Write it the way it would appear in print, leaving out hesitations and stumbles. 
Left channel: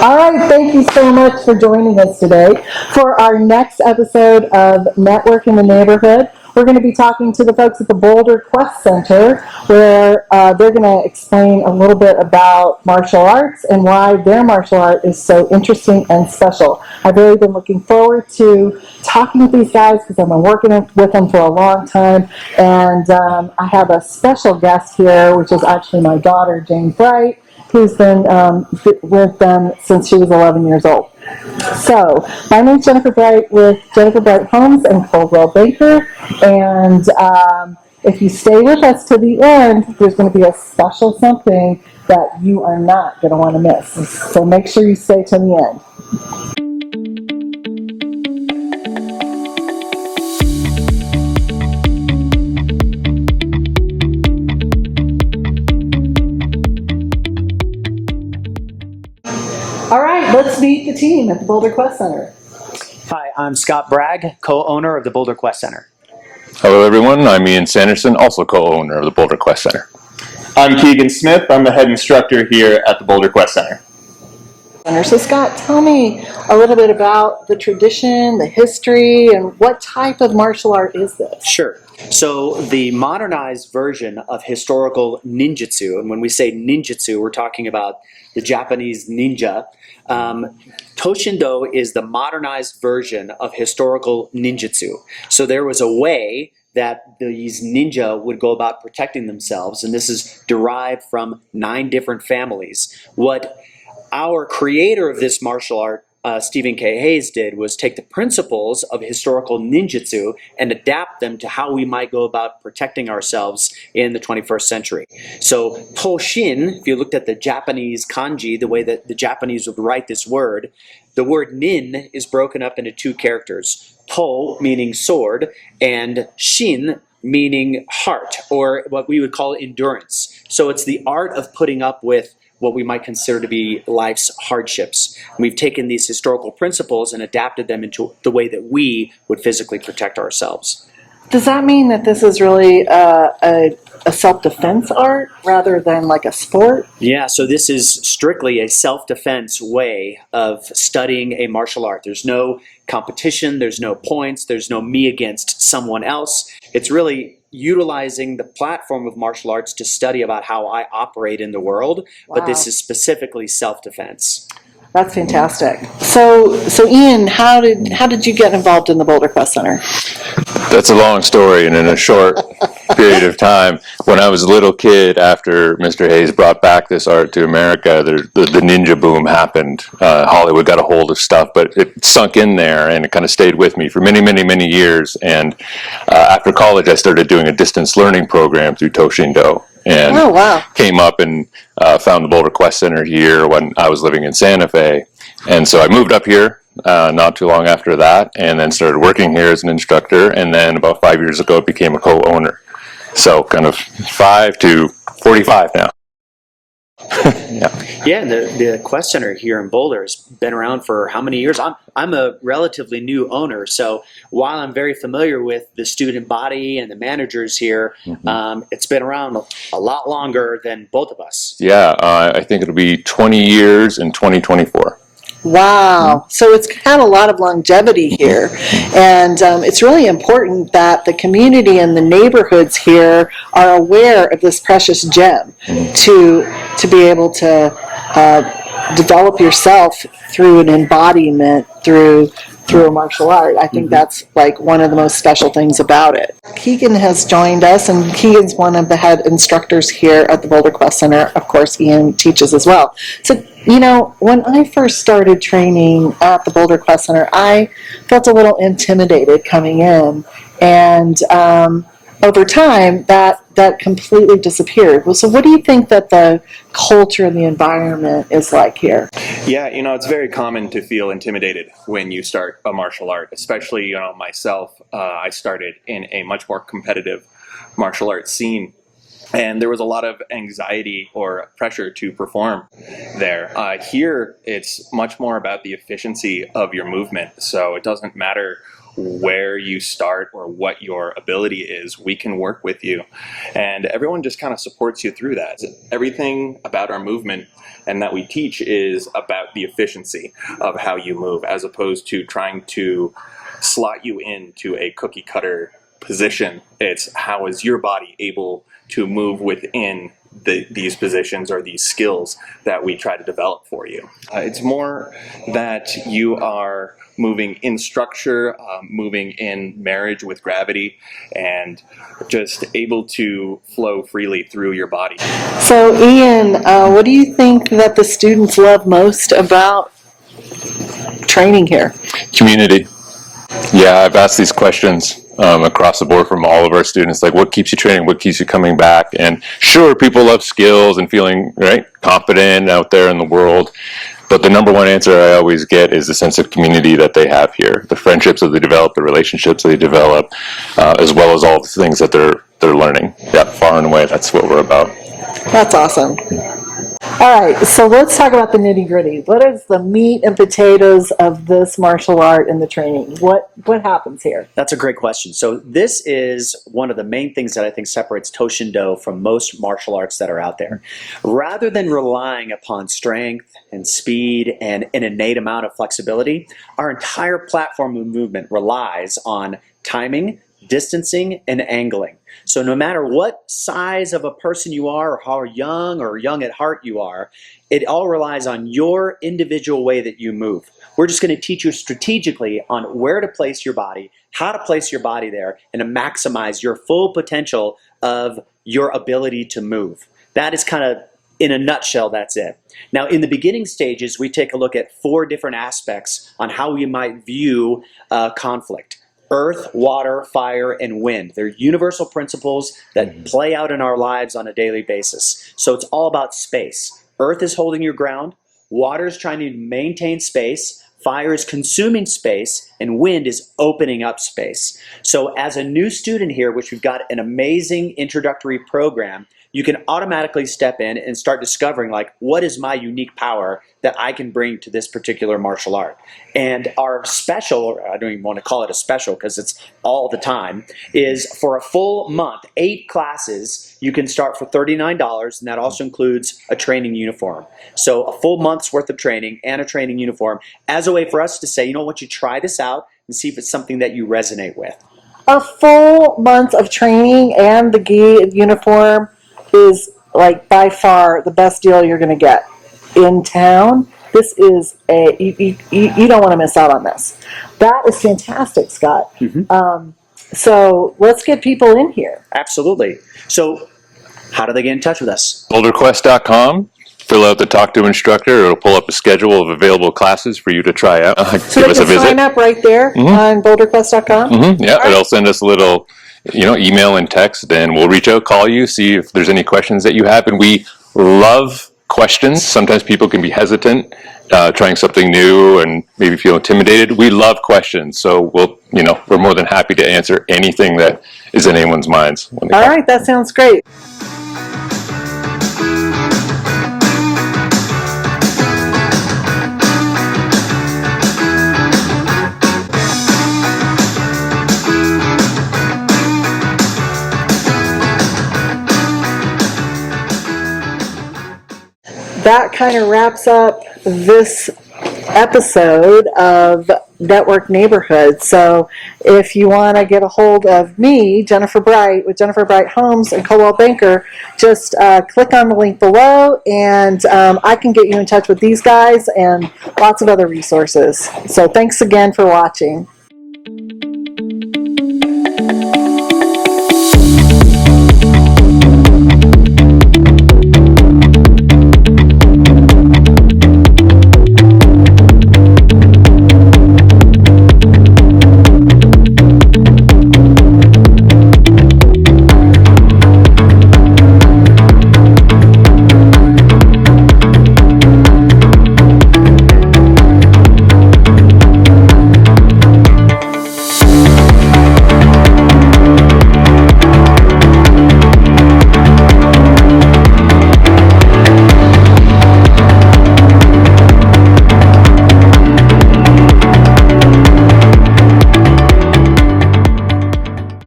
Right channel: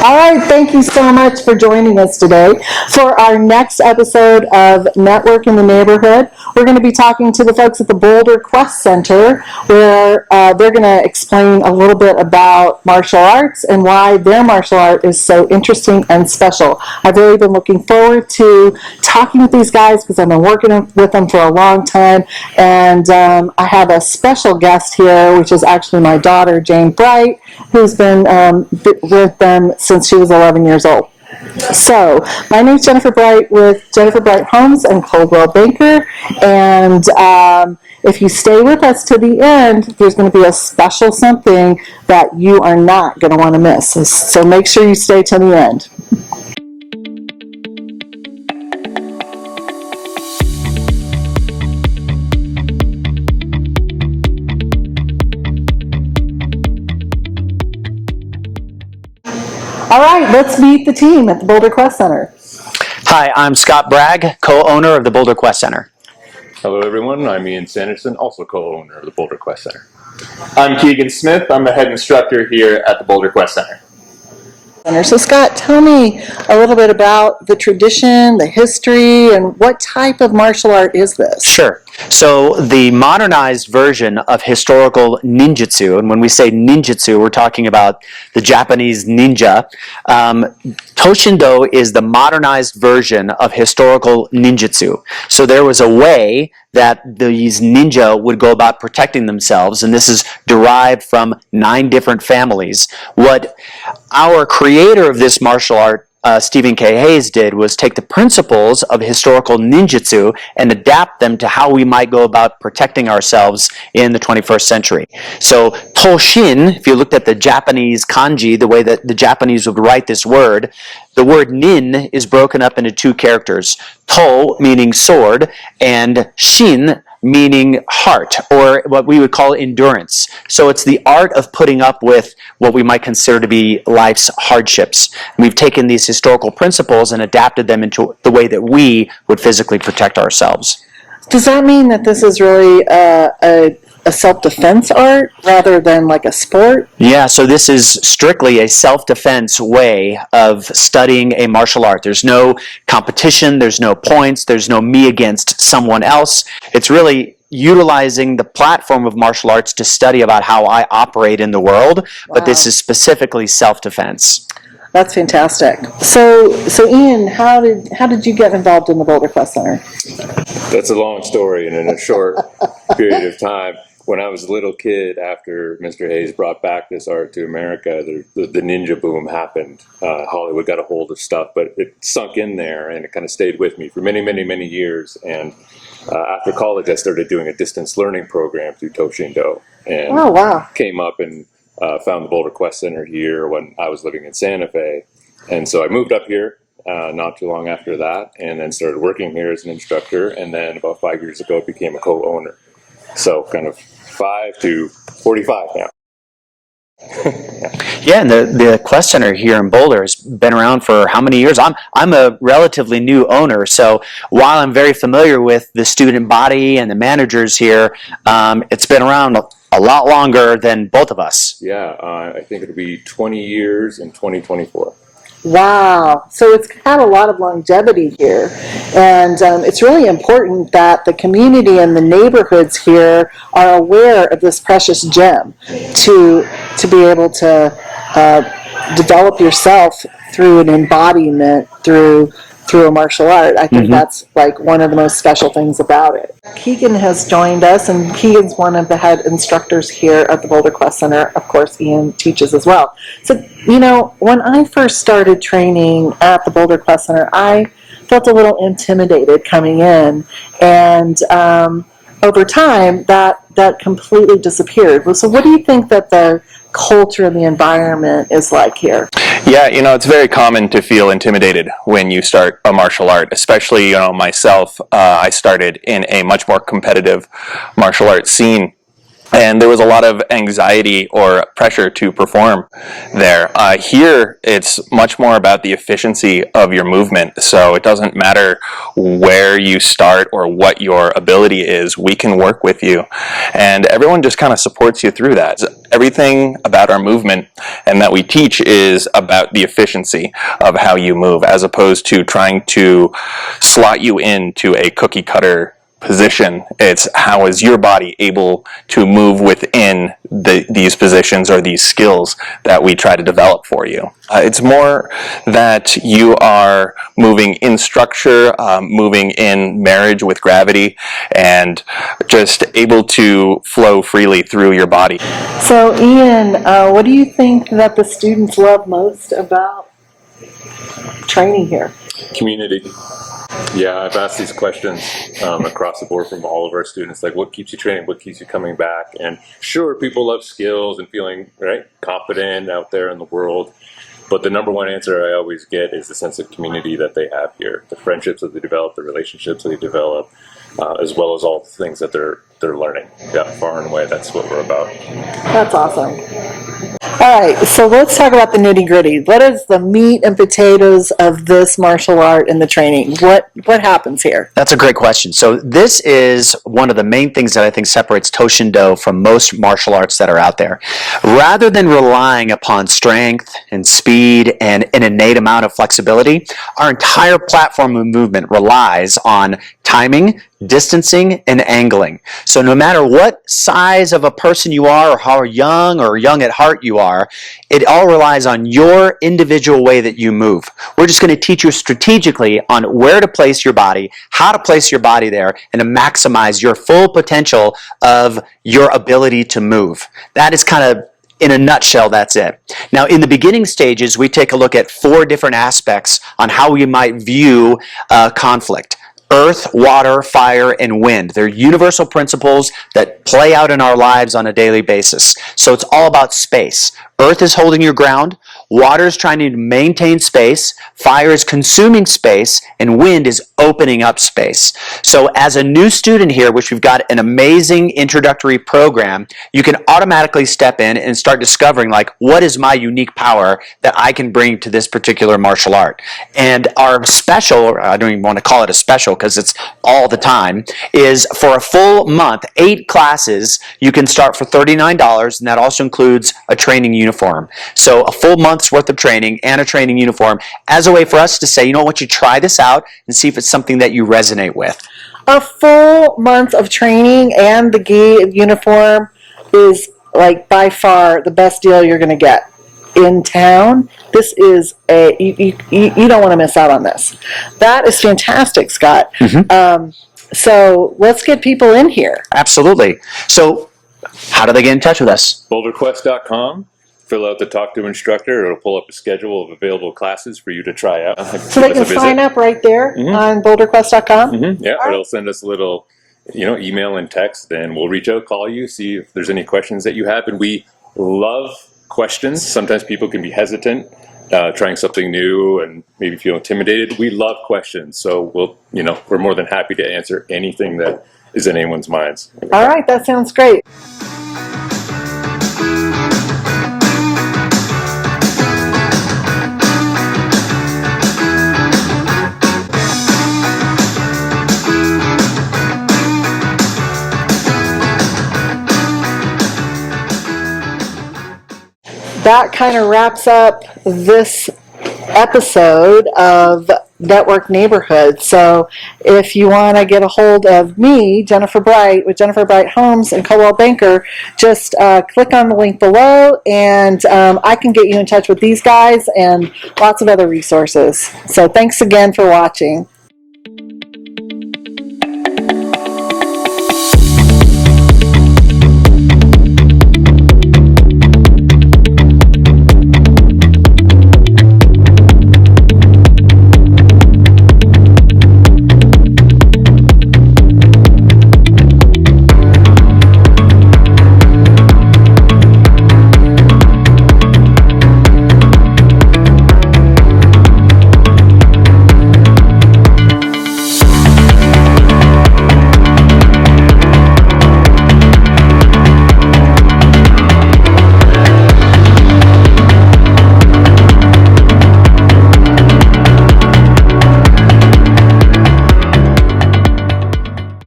All right, thank you so much for joining us today. For our next episode of Network in the Neighborhood, we're going to be talking to the folks at the Boulder Quest Center, where they're going to explain a little bit about martial arts and why their martial art is so interesting and special. I've really been looking forward to talking with these guys because I've been working with them for a long time, and I have a special guest here, which is actually my daughter, Jane Bright, who's been with them since she was 11 years old. So, my name is Jennifer Bright with Jennifer Bright Homes and Coldwell Banker, and if you stay with us to the end, there's going to be a special something that you are not going to want to miss. So make sure you stay to the end. All right, let's meet the team at the Boulder Quest Center. Hi, I'm Scott Bragg, co-owner of the Boulder Quest Center. Hello everyone, I'm Ian Sanderson, also co-owner of the Boulder Quest Center. I'm Keegan Smith, I'm the head instructor here at the Boulder Quest Center. So Scott, tell me a little bit about the tradition, the history, and what type of martial art is this? Sure. So the modernized version of historical ninjutsu, and when we say ninjutsu, we're talking about the Japanese ninja. Toshindo is the modernized version of historical ninjutsu. So there was a way that these ninja would go about protecting themselves, and this is derived from 9 different families. What our creator of this martial art, Stephen K. Hayes, did was take the principles of historical ninjutsu and adapt them to how we might go about protecting ourselves in the 21st century. So Toshin, if you looked at the Japanese kanji, the way that the Japanese would write this word, the word nin is broken up into 2 characters. To, meaning sword, and shin, meaning heart, or what we would call endurance. So it's the art of putting up with what we might consider to be life's hardships. We've taken these historical principles and adapted them into the way that we would physically protect ourselves. Does that mean that this is really a self-defense art rather than like a sport? Yeah, so this is strictly a self-defense way of studying a martial art. There's no competition, there's no points, there's no me against someone else. It's really utilizing the platform of martial arts to study about how I operate in the world, but this is specifically self-defense. That's fantastic. So Ian, how did you get involved in the Boulder Quest Center? That's a long story, and in a short period of time. When I was a little kid, after Mr. Hayes brought back this art to America, the ninja boom happened. Hollywood got a hold of stuff, but it sunk in there, and it kind of stayed with me for many, many, many years. And after college, I started doing a distance learning program through Toshindo. And came up and found the Boulder Quest Center here when I was living in Santa Fe. And so I moved up here not too long after that, and then started working here as an instructor, and then about 5 years ago became a co-owner. So kind of 5 to 45 now. Yeah, and the Quest Center here in Boulder has been around for how many years? I'm a relatively new owner, so while I'm very familiar with the student body and the managers here, it's been around a lot longer than both of us. Yeah, I think it'll be 20 years in 2024. Wow. So it's had a lot of longevity here. And it's really important that the community and the neighborhoods here are aware of this precious gem to be able to develop yourself through an embodiment, through a martial art. I think that's like one of the most special things about it. Keegan has joined us, and Keegan's one of the head instructors here at the Boulder Quest Center. Of course, Ian teaches as well. So, you know, when I first started training at the Boulder Quest Center, I felt a little intimidated coming in, and over time, that completely disappeared. So what do you think that the culture and the environment is like here? Yeah, you know, it's very common to feel intimidated when you start a martial art, especially, you know, myself. I started in a much more competitive martial arts scene and there was a lot of anxiety or pressure to perform there. Here, it's much more about the efficiency of your movement, so it doesn't matter where you start or what your ability is, we can work with you, and everyone just kind of supports you through that. Everything about our movement and that we teach is about the efficiency of how you move, as opposed to trying to slot you into a cookie cutter position. It's how is your body able to move within these positions or these skills that we try to develop for you. It's more that you are moving in structure, moving in marriage with gravity, and just able to flow freely through your body. So, Ian, what do you think that the students love most about training here? Community. Yeah, I've asked these questions across the board from all of our students, like what keeps you training, what keeps you coming back? And sure, people love skills and feeling confident out there in the world, but the number one answer I always get is the sense of community that they have here, the friendships that they develop, the relationships they develop, as well as all the things that they're learning. Yeah, far and away, that's what we're about. That's awesome. All right, so let's talk about the nitty gritty. What is the meat and potatoes of this martial art and the training? What happens here? That's a great question. So this is one of the main things that I think separates Toshindo from most martial arts that are out there. Rather than relying upon strength and speed and an innate amount of flexibility, our entire platform of movement relies on timing, distancing, and angling. So no matter what size of a person you are or how young or young at heart you are, it all relies on your individual way that you move. We're just going to teach you strategically on where to place your body, how to place your body there, and to maximize your full potential of your ability to move. That is kind of, in a nutshell, that's it. Now, in the beginning stages, we take a look at 4 different aspects on how we might view conflict. Earth, water, fire, and wind. They're universal principles that play out in our lives on a daily basis. So it's all about space. Earth is holding your ground, water is trying to maintain space, fire is consuming space, and wind is opening up space. So as a new student here, which we've got an amazing introductory program, you can automatically step in and start discovering, like, what is my unique power that I can bring to this particular martial art? And our special, I don't even want to call it a special because it's all the time, is for a full month, 8 classes, you can start for $39, and that also includes a training uniform. So a full month's worth of training and a training uniform as a way for us to say, you know what, you try this out and see if it's something that you resonate with. A full month of training and the gi uniform is, like, by far the best deal you're going to get in town. This is you don't want to miss out on this. That is fantastic, Scott. Mm-hmm. So let's get people in here. Absolutely. So how do they get in touch with us? BoulderQuest.com. Fill out the Talk to Instructor. It'll pull up a schedule of available classes for you to try out. So they can sign up right there on BoulderQuest.com? Mm-hmm. Yeah, it'll send us a little email and text, and we'll reach out, call you, see if there's any questions that you have. And we love questions. Sometimes people can be hesitant trying something new and maybe feel intimidated. We love questions, so we're more than happy to answer anything that is in anyone's minds. All right, that sounds great. That kind of wraps up this episode of Network Neighborhood. So if you want to get a hold of me, Jennifer Bright, with Jennifer Bright Homes and Coldwell Banker, just click on the link below, and I can get you in touch with these guys and lots of other resources. So thanks again for watching.